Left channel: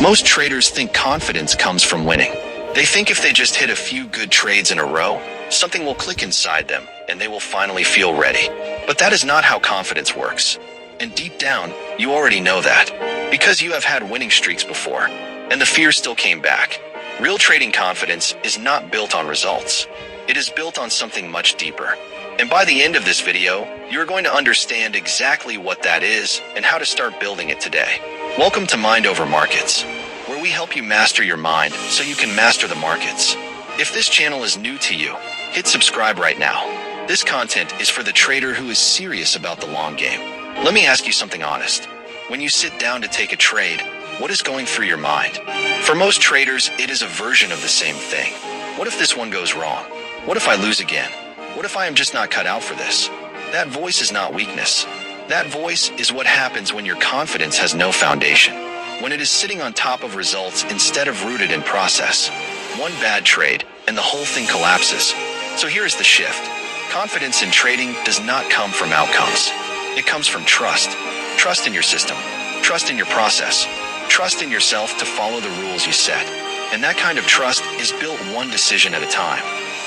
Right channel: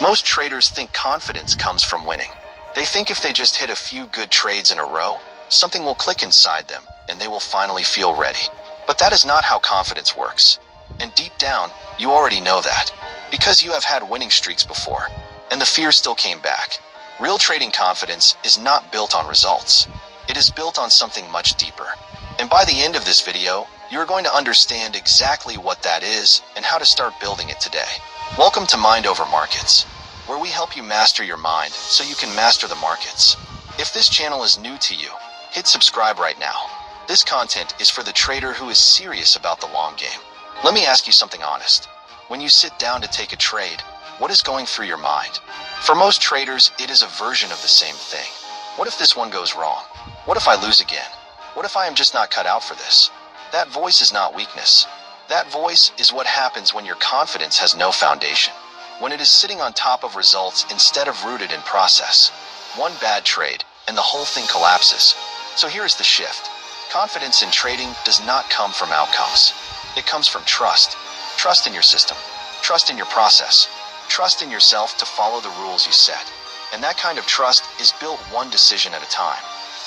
Most traders think confidence comes from winning. They think if they just hit a few good trades in a row, something will click inside them and they will finally feel ready. But that is not how confidence works. And deep down, you already know that, because you have had winning streaks before, and the fear still came back. Real trading confidence is not built on results. It is built on something much deeper. And by the end of this video, you're going to understand exactly what that is and how to start building it today. Welcome to Mind Over Markets, where we help you master your mind so you can master the markets. If this channel is new to you, hit subscribe right now. This content is for the trader who is serious about the long game. Let me ask you something honest. When you sit down to take a trade, what is going through your mind? For most traders, it is a version of the same thing. What if this one goes wrong? What if I lose again? What if I am just not cut out for this? That voice is not weakness. That voice is what happens when your confidence has no foundation. When it is sitting on top of results instead of rooted in process. One bad trade, and the whole thing collapses. So here is the shift. Confidence in trading does not come from outcomes. It comes from trust. Trust in your system. Trust in your process. Trust in yourself to follow the rules you set. And that kind of trust is built one decision at a time.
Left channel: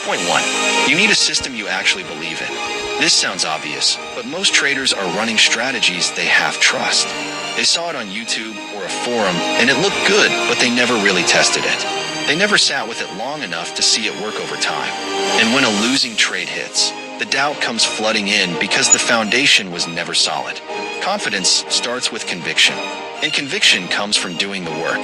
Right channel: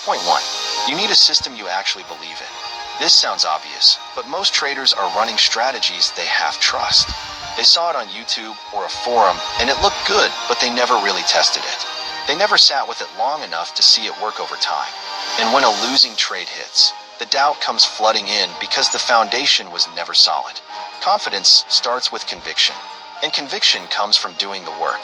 Point 1. You need a system you actually believe in. This sounds obvious, but most traders are running strategies they have trust. They saw it on YouTube or a forum, and it looked good, but they never really tested it. They never sat with it long enough to see it work over time. And when a losing trade hits, the doubt comes flooding in because the foundation was never solid. Confidence starts with conviction, and conviction comes from doing the work.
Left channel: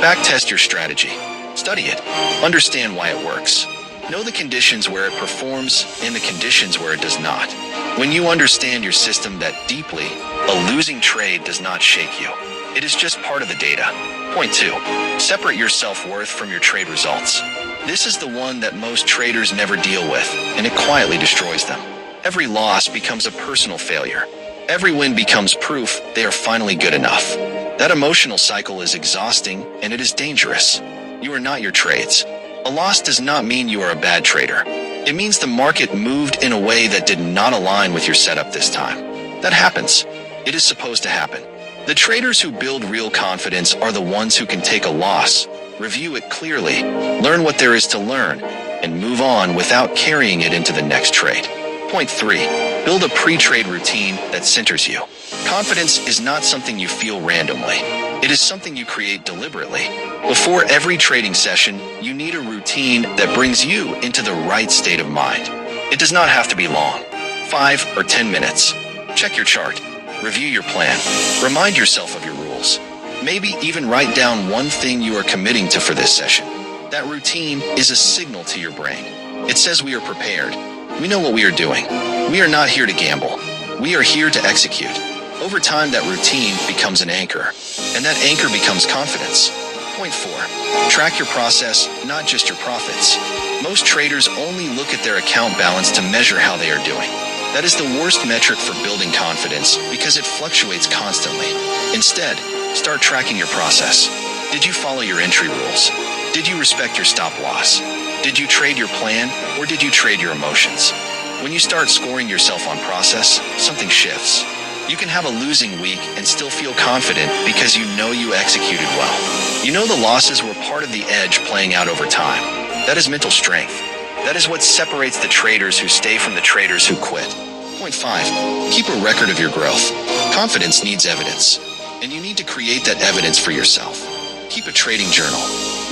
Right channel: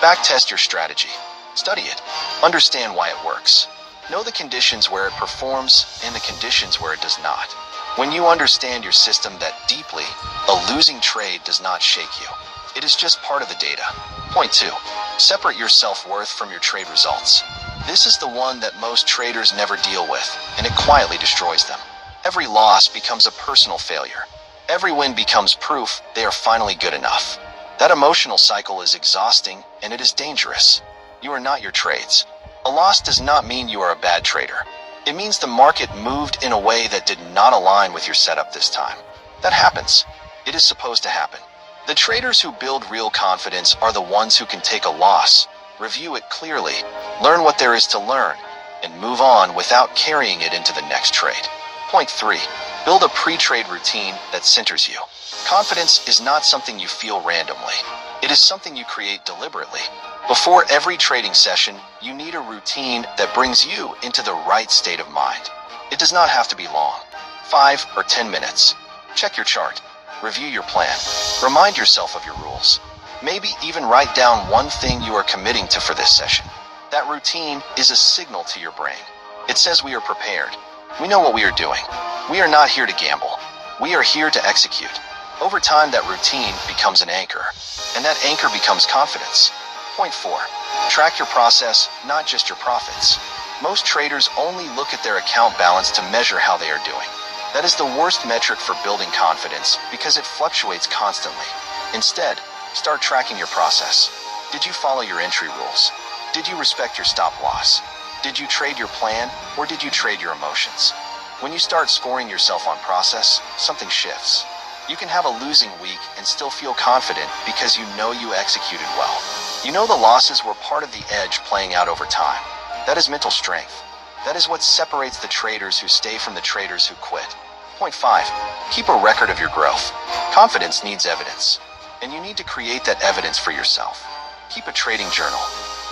Backtest your strategy. Study it. Understand why it works. Know the conditions where it performs and the conditions where it does not. When you understand your system that deeply, a losing trade does not shake you. It is just part of the data. Point 2. Separate your self-worth from your trade results. This is the one that most traders never deal with, and it quietly destroys them. Every loss becomes a personal failure. Every win becomes proof they are finally good enough. That emotional cycle is exhausting, and it is dangerous. You are not your trades. A loss does not mean you are a bad trader. It means the market moved in a way that did not align with your setup this time. That happens. It is supposed to happen. The traders who build real confidence are the ones who can take a loss, review it clearly, learn what there is to learn, and move on without carrying it into the next trade. Point 3. Build a pre-trade routine that centers you. Confidence is not something you feel randomly. It is something you create deliberately. Before every trading session, you need a routine that brings you into the right state of mind. It does not have to be long. 5 or 10 minutes. Check your chart. Review your plan. Remind yourself of your rules. Maybe even write down one thing you are committing to for this session. That routine is a signal to your brain. It says we are prepared. We know what we are doing. We are not here to gamble. We are here to execute. Over time, that routine becomes an anchor, and that anchor becomes confidence. Point 4. Track your process, not just your profits. Most traders only look at their account balance to measure how they are doing. That is the worst metric for building confidence because it fluctuates constantly. Instead, start tracking your process. Did you follow your entry rules? Did you respect your stop loss? Did you trade your plan, or did you trade your emotions? When you start scoring yourself on process, something shifts. You can have a losing week and still feel confident because you know you executed well. You know the losses were part of the edge playing out over time. That is mental strength. That is what separates the traders who stay from the traders who quit. Point 5. Keep a record of your growth. Confidence needs evidence, and you need to create that evidence for yourself. Keep a trading journal.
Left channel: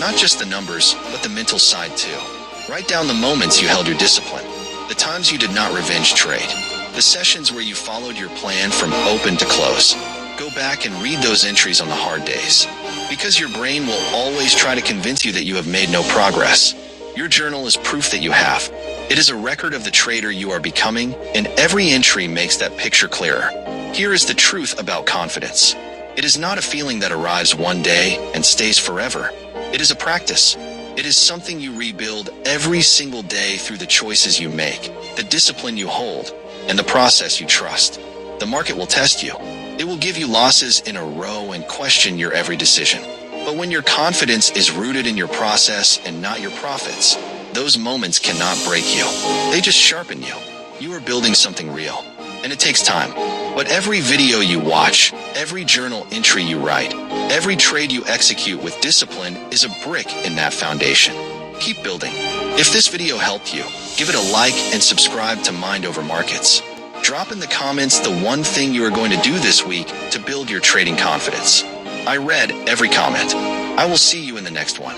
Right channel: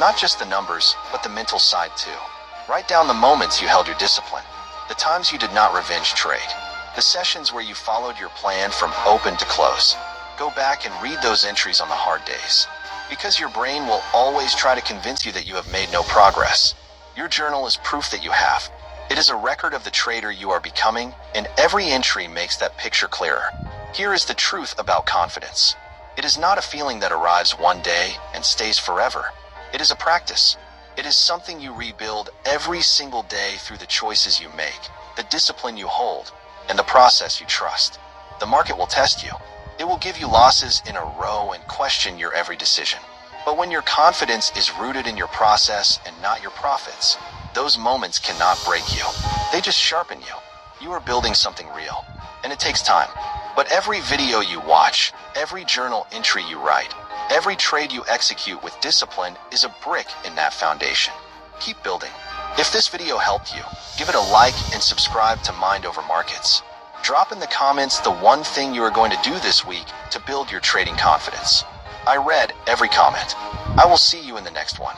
Not just the numbers, but the mental side too. Write down the moments you held your discipline, the times you did not revenge trade, the sessions where you followed your plan from open to close. Go back and read those entries on the hard days, because your brain will always try to convince you that you have made no progress. Your journal is proof that you have. It is a record of the trader you are becoming, and every entry makes that picture clearer. Here is the truth about confidence. It is not a feeling that arrives one day and stays forever. It is a practice. It is something you rebuild every single day through the choices you make, the discipline you hold, and the process you trust. The market will test you. It will give you losses in a row and question your every decision. But when your confidence is rooted in your process and not your profits, those moments cannot break you. They just sharpen you. You are building something real, and it takes time. But every video you watch, every journal entry you write, every trade you execute with discipline is a brick in that foundation. Keep building. If this video helped you, give it a like and subscribe to Mind Over Markets. Drop in the comments the one thing you are going to do this week to build your trading confidence. I read every comment. I will see you in the next one.